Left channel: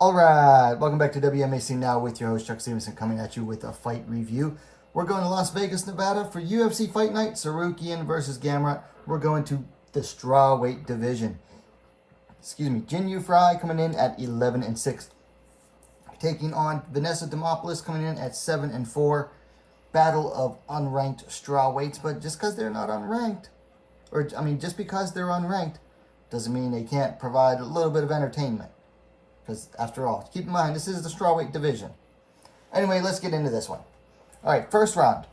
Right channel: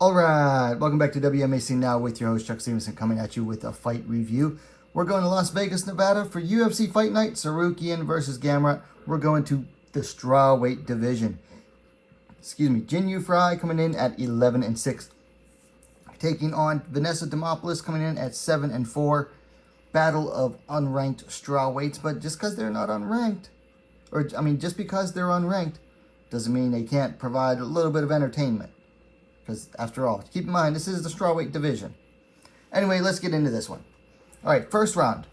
Alright, welcome back to WMMA Now with your host Chuck Stevenson coming at you with a fight review. We're going to Las Vegas, Nevada for UFC Fight Night, Tsarukyan versus Gamrot. We're going to the Strawweight division. Jinh Yu Frey coming in at 11-6. Taking on Vanessa Demopoulos coming in at 7-4. Battle of unranked strawweights, but just because they're not unranked, just because they're unranked, doesn't mean they can't provide a little bit of entertainment. Because after all, keep in mind, this is the strawweight division. Anyway, let's get into this one. All right, first round.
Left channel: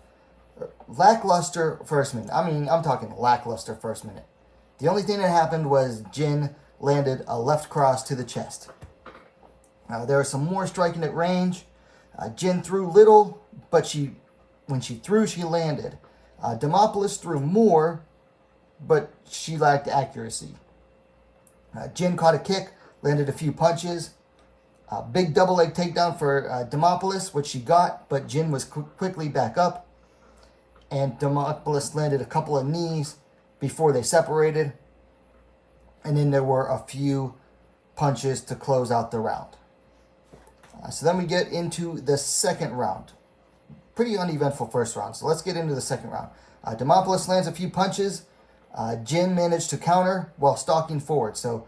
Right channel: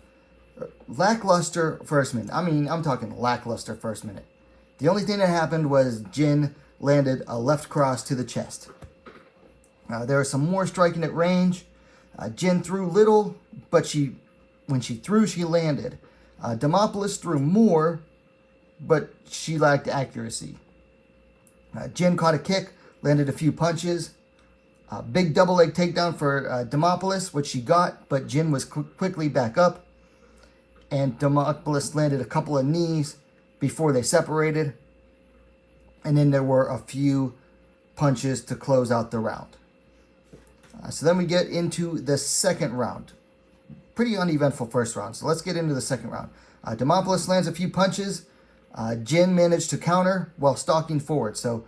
Lackluster first minute. I'm talking lackluster first minute. The only thing that happened was Jin landed a left cross to the chest. There was some more striking at range. Jin threw little, but when she threw, she landed. Demopoulos threw more, but she lacked accuracy. Jin caught a kick, landed a few punches. Big double leg takedown for Demopoulos, which she got, but Jin was quickly back up. And Demopoulos landed a couple of knees before they separated. And then there were a few punches to close out the round. So then we get into the second round. Pretty uneventful first round. So let's get into the second round. Demopoulos lands a few punches. Jin managed to counter while stalking forward. So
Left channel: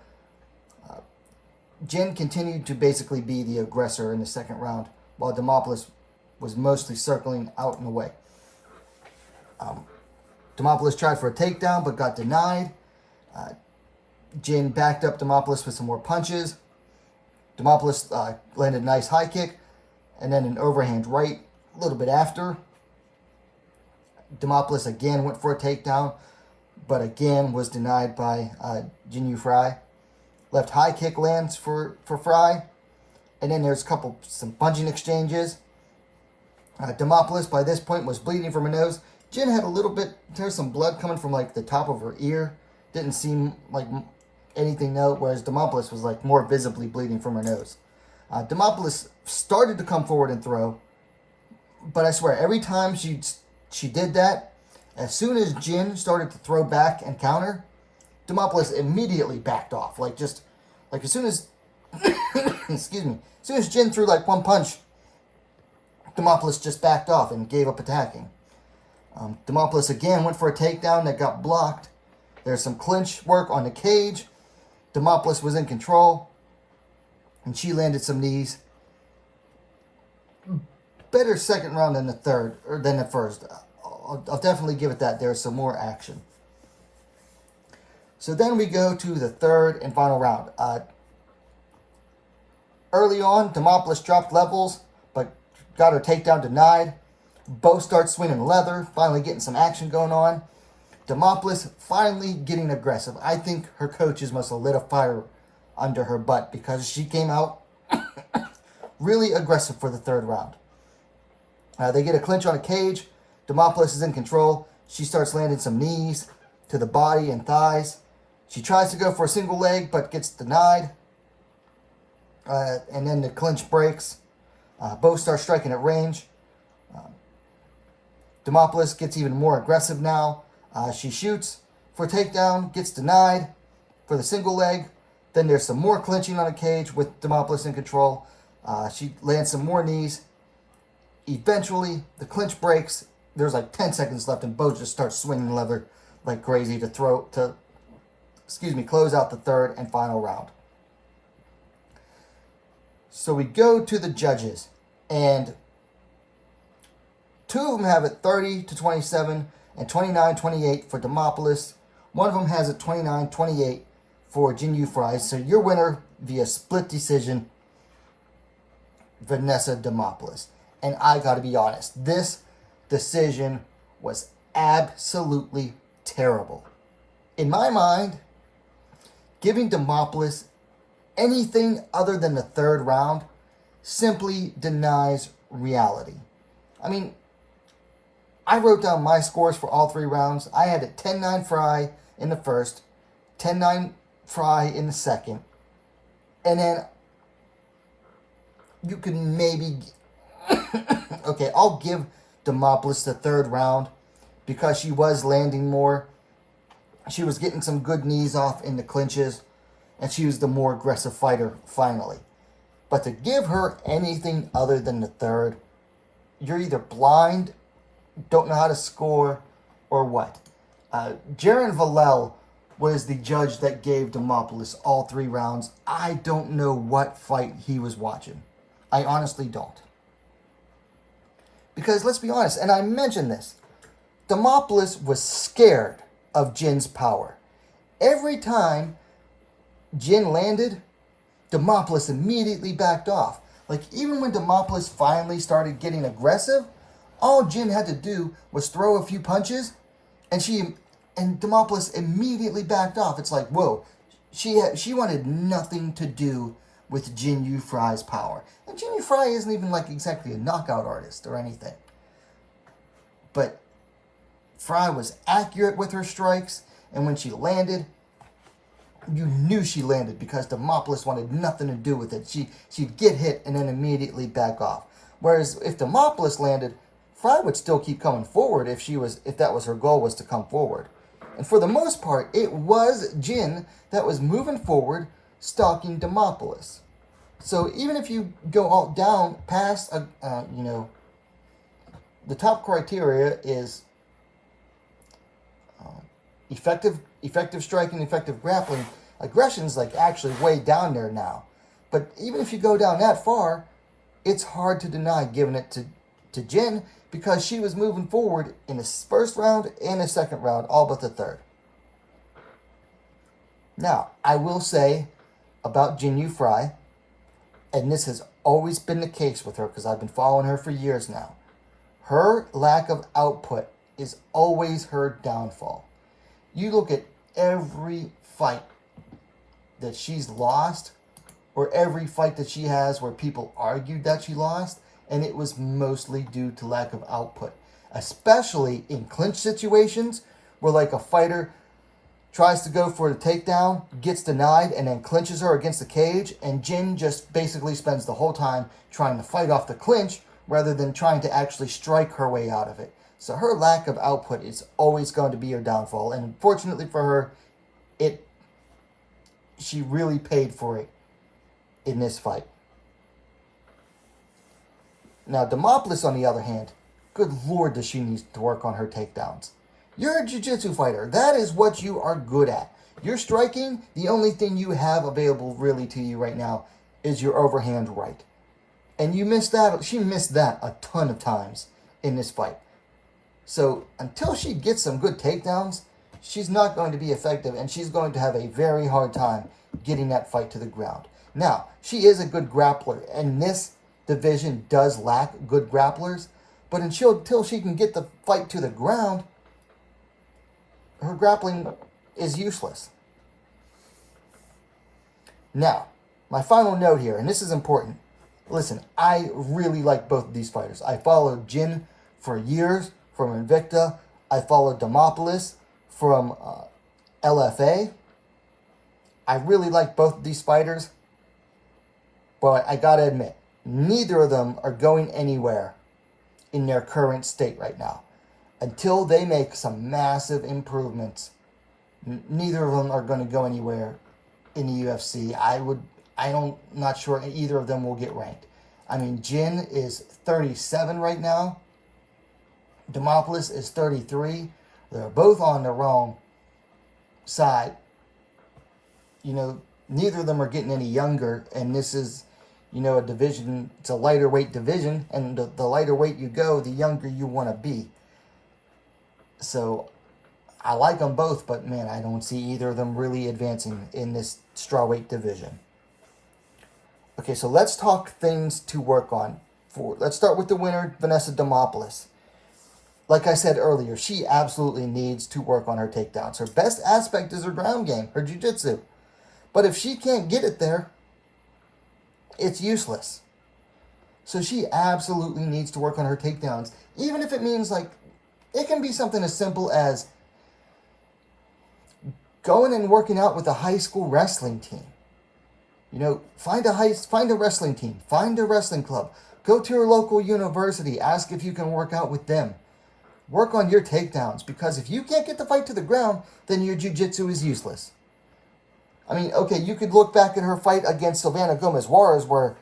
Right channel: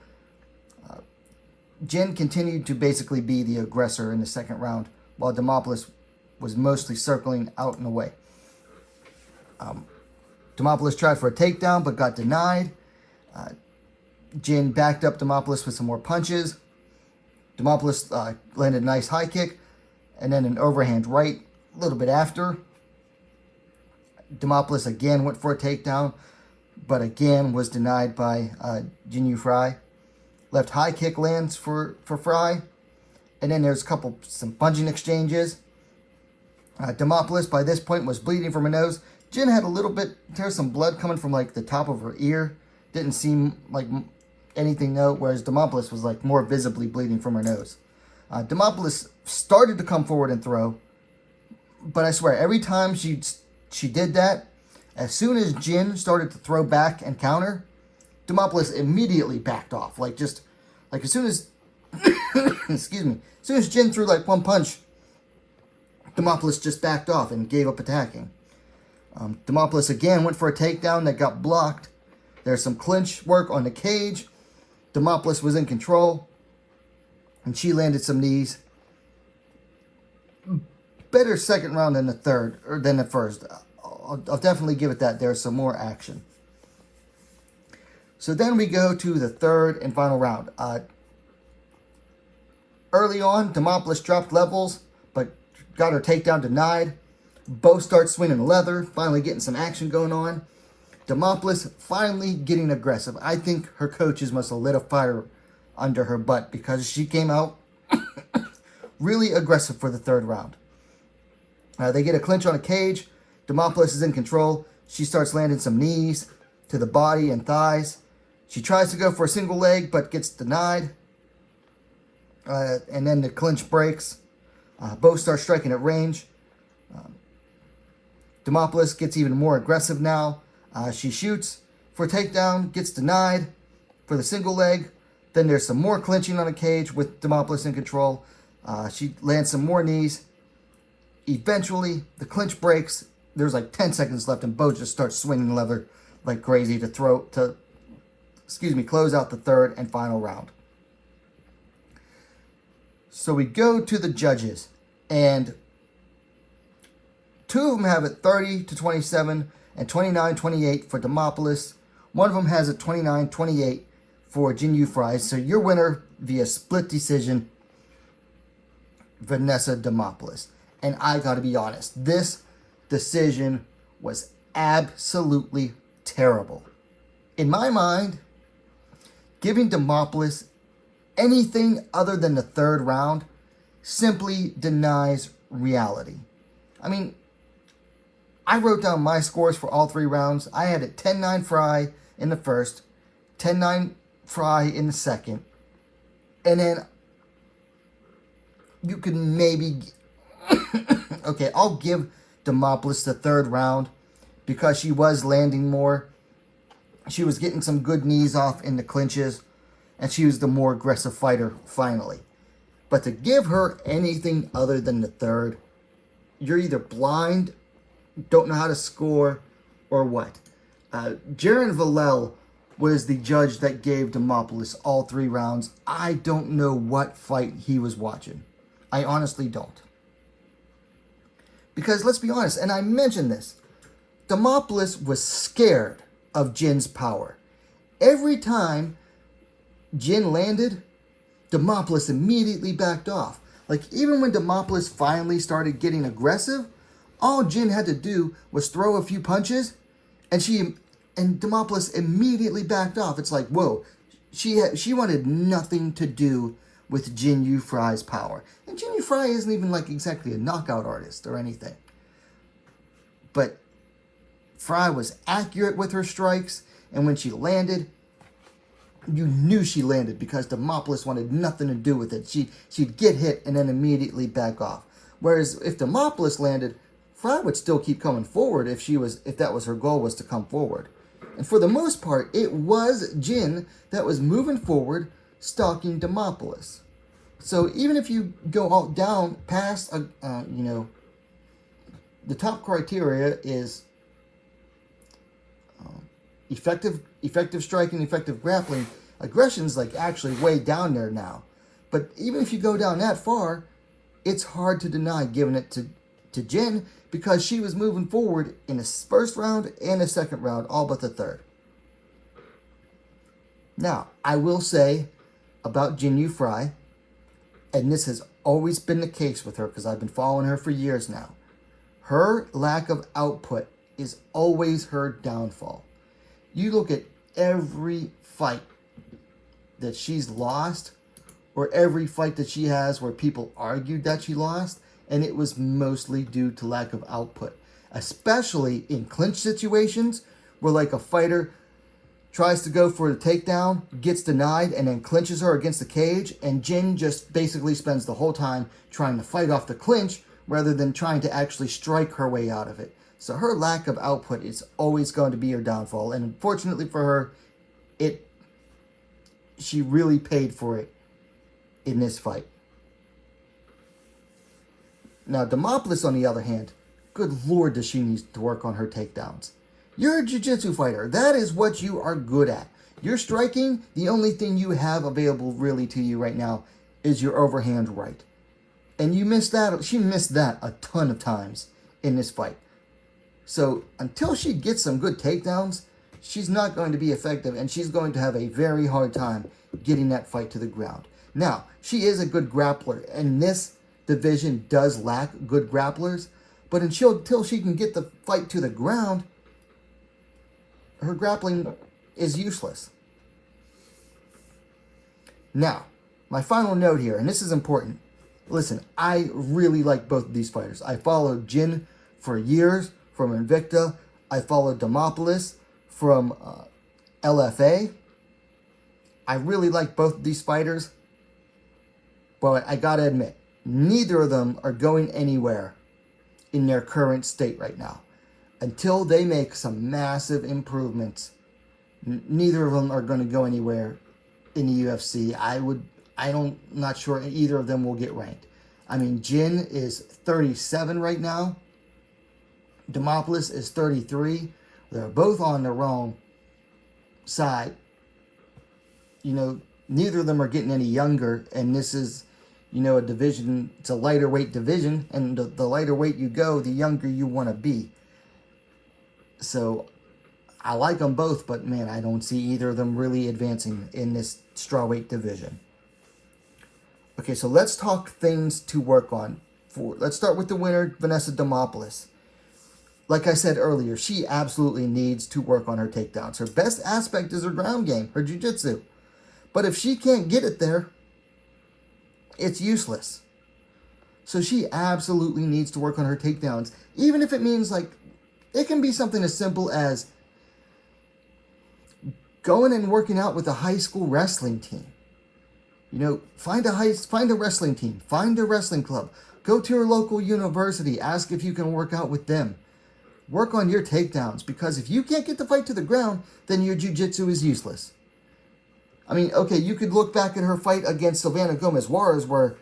Jin continued to basically be the aggressor in the second round, while Demopoulos was mostly circling out and away. Demopoulos tried for a takedown, but got denied. Jin backed up Demopoulos with some more punches. Demopoulos landed a nice high kick, and then an overhand right a little bit after. Demopoulos again went for a takedown, but again was denied by Jinh Yu Frey. Left high kick lands for Frey. And then there's some punching exchanges. Demopoulos by this point was bleeding from her nose. Jin had there's some blood coming from like the top of her ear. Didn't seem like anything though, whereas Demopoulos was like more visibly bleeding from her nose. Demopoulos started to come forward and throw. But I swear, every time she did that, as soon as Jin started to throw back and counter, Demopoulos immediately backed off. As soon as, as soon as Jin threw like one punch, Demopoulos just backed off and gave up attacking. Demopoulos again went for a takedown that got blocked. There's some clinch work on the cage. Demopoulos was in control, and she landed some knees. Better second round than the third, or than the first. I'll definitely give it that. There's some more action. So then we go to the third and final round. Early on, Demopoulos dropped levels, but got her takedown denied. Both start swinging leather, finally getting some action going on. Demopoulos finally getting aggressive. I think her coaches must have lit a fire under her butt because she came out really aggressive for the third round. They get a clinch on a cage. Demopoulos is in control. She starts landing some knees to the body and thighs. She tries to go for a single leg, but gets denied. And then the clinch breaks. Both start striking at range. Demopoulos gets even more aggressive now. She shoots for a takedown, gets denied for the single leg. Then there's some more clinching on a cage with Demopoulos in control. She lands some more knees. Eventually, the clinch breaks. There's like 10 seconds left, and both just start swinging leather like crazy to close out the third and final round. So we go to the judges, and two of them have it 30-27 and 29-28 for Demopoulos. One of them has it 29-28 for Jinh Yu Frey. So your winner via split decision, Vanessa Demopoulos. And I got to be honest, this decision was absolutely terrible. In my mind, giving Demopoulos anything other than the third round simply denies reality. I wrote down my scores for all three rounds. I had it 10-9 Frey in the first, 10-9 Frey in the second, and then you can maybe... Okay, I'll give Demopoulos the third round because she was landing more. She was getting some good knees off in the clinches, and she was the more aggressive fighter finally. But to give her anything other than the third, you're either blind, don't know how to score, or what. Jaron Vallel was the judge that gave Demopoulos all 3 rounds. I don't know what fight he was watching. I honestly don't. Because let's be honest, and I mentioned this, Demopoulos was scared of Jin's power. Every time Jin landed, Demopoulos immediately backed off. Like, even when Demopoulos finally started getting aggressive, all Jin had to do was throw a few punches, and Demopoulos immediately backed off. It's like, whoa, she wanted nothing to do with Jinh Yu Frey's power. And Jinh Yu Frey isn't even like exactly a knockout artist or anything. But Frey was accurate with her strikes, and when she landed, you knew she landed because Demopoulos wanted nothing to do with it. She'd get hit and then immediately back off. Whereas if Demopoulos landed, Frey would still keep coming forward if that was her goal, was to come forward. And for the most part, it was Jin that was moving forward, stalking Demopoulos. So even if you go all down past, the top criteria is effective striking, effective grappling. Aggression's like actually way down there now. But even if you go down that far, it's hard to deny giving it to Jin, because she was moving forward in the first round and the second round, all but the third. Now, I will say about Jinh Yu Frey, and this has always been the case with her because I've been following her for years now, her lack of output is always her downfall. You look at every fight that she's lost, or every fight that she has where people argued that she lost, and it was mostly due to lack of output. Especially in clinch situations where like a fighter tries to go for the takedown, gets denied, and then clinches her against the cage, and Jin just basically spends the whole time trying to fight off the clinch rather than trying to actually strike her way out of it. So her lack of output is always going to be her downfall, and unfortunately for her, she really paid for it in this fight. Now, Demopoulos, on the other hand, good lord, does she need to work on her takedowns. You're a jiu-jitsu fighter. That is what you are good at. You're striking, the only thing you have available really to you right now is your overhand right. And you missed that. She missed that a ton of times in this fight. So until she gets some good takedowns, she's not going to be effective, and she's going to have a very hard time getting that fight to the ground. Now, she is a good grappler, and this division does lack good grapplers, but until she can get the fight to the ground, her grappling is useless. Now, my final note here, and this is important. Listen, I really like both of these fighters. I followed Jin for years from Invicta. I followed Demopoulos from LFA. I really like both of these fighters, but I gotta admit, neither of them are going anywhere in their current state right now. Until they make some massive improvements, neither of them are going to go anywhere in the UFC. I'm not sure either of them will get ranked. I mean, Jin is 37 right now. Demopoulos is 33. They're both on the wrong side. Neither of them are getting any younger, and this is, a division, it's a lighter weight division, and the lighter weight you go, the younger you want to be. So, I like them both, but man, I don't see either of them really advancing in this strawweight division. Okay, so let's talk things to work on. Let's start with the winner, Vanessa Demopoulos. Like I said earlier, she absolutely needs to work on her takedowns. Her best aspect is her ground game, her jiu-jitsu. But if she can't get it there, it's useless. So she absolutely needs to work on her takedowns, even if it means it can be something as simple as going and working out with a high school wrestling team. Find a wrestling team, find a wrestling club, go to your local university, ask if you can work out with them. Work on your takedowns, because if you can't get the fight to the ground, then your jiu-jitsu is useless. I mean, okay, you could look back at her fight against Silvana Gomez Juarez, where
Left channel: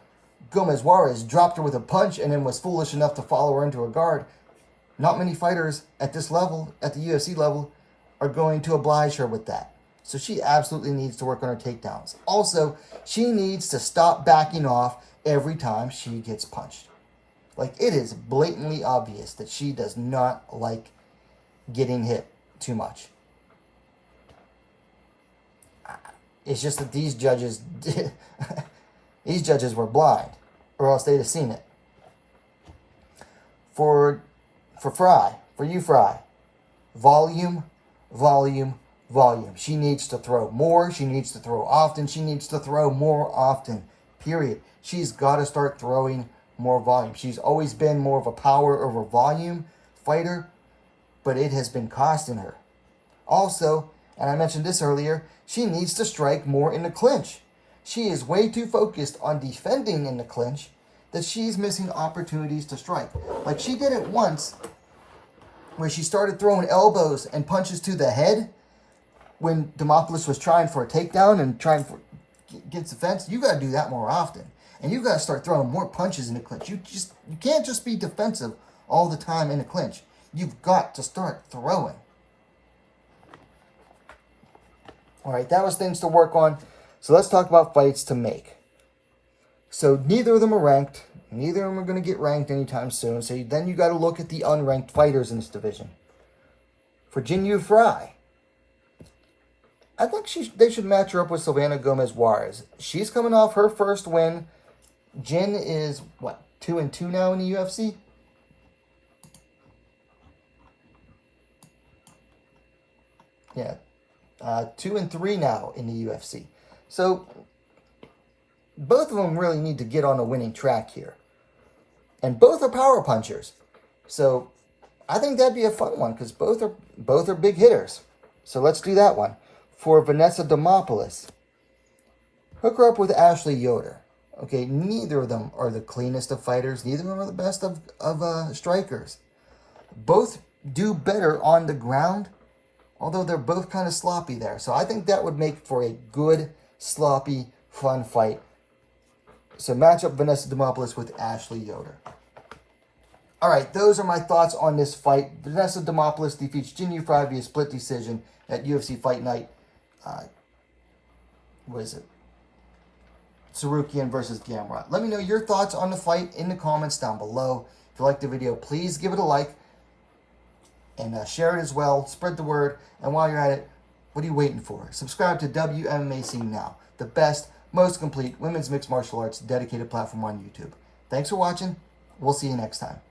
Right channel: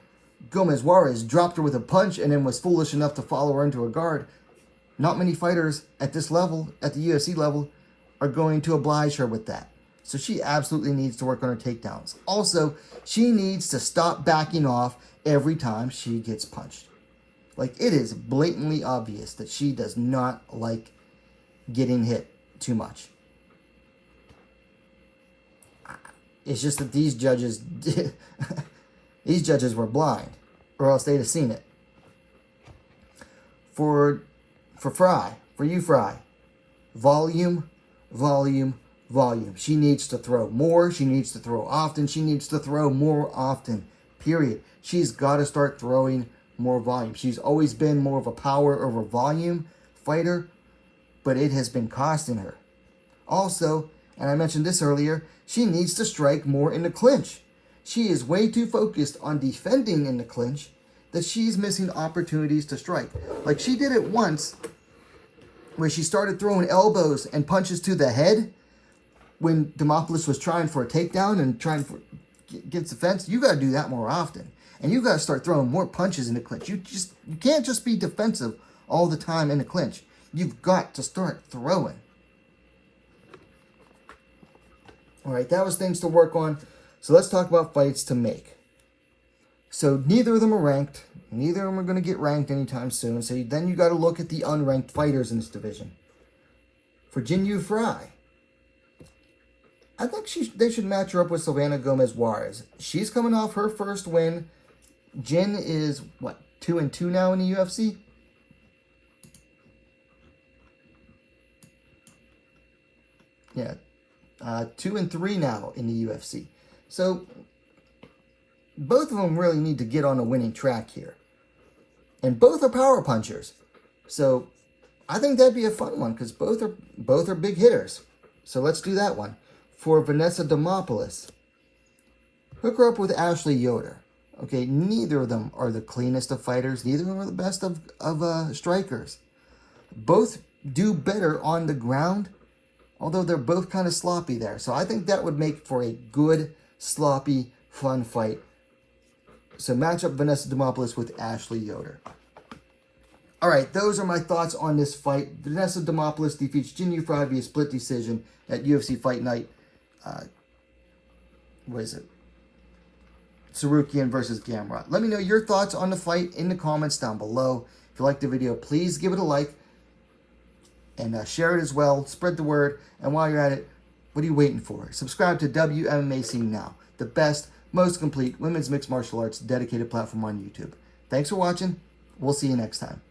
Gomez Juarez dropped her with a punch and then was foolish enough to follow her into a guard. Not many fighters at this level, at the UFC level, are going to oblige her with that. So she absolutely needs to work on her takedowns. Also, she needs to stop backing off every time she gets punched. Like, it is blatantly obvious that she does not like getting hit too much. It's just that these judges were blind, or else they'd have seen it. For you Frey, volume. She needs to throw more. She needs to throw often. She needs to throw more often. Period. She's got to start throwing more volume. She's always been more of a power over volume fighter, but it has been costing her. Also, and I mentioned this earlier, she needs to strike more in the clinch. She is way too focused on defending in the clinch that she's missing opportunities to strike. Like, she did it once where she started throwing elbows and punches to the head when Demopoulos was trying for a takedown and trying for against the fence. You got to do that more often. And you got to start throwing more punches in the clinch. You can't just be defensive all the time in the clinch. You've got to start throwing. All right, that was things to work on. So let's talk about fights to make. So neither of them are ranked. Neither of them are going to get ranked anytime soon. So then you got to look at the unranked fighters in this division. For Jinh Yu Frey, I think they should match her up with Silvana Gomez Juarez. She's coming off her first win. Jin is, what, 2-2 now in the UFC? Yeah, 2-3 now in the UFC. So both of them really need to get on a winning track here. And both are power punchers. So I think that'd be a fun one because both are big hitters. So let's do that one. For Vanessa Demopoulos, hook her up with Ashley Yoder. Okay, neither of them are the cleanest of fighters. Neither of them are the best of strikers. Both do better on the ground, although they're both kind of sloppy there. So I think that would make for a good, sloppy, fun fight. So match up Vanessa Demopoulos with Ashley Yoder. All right, those are my thoughts on this fight. Vanessa Demopoulos defeats Jinh Yu Frey via split decision at UFC Fight Night. What is it? Tsarukyan versus Gamrot. Let me know your thoughts on the fight in the comments down below. If you liked the video, please give it a like. And share it as well. Spread the word. And while you're at it, what are you waiting for? Subscribe to WMMA Scene Now. The best, most complete women's mixed martial arts dedicated platform on YouTube. Thanks for watching. We'll see you next time.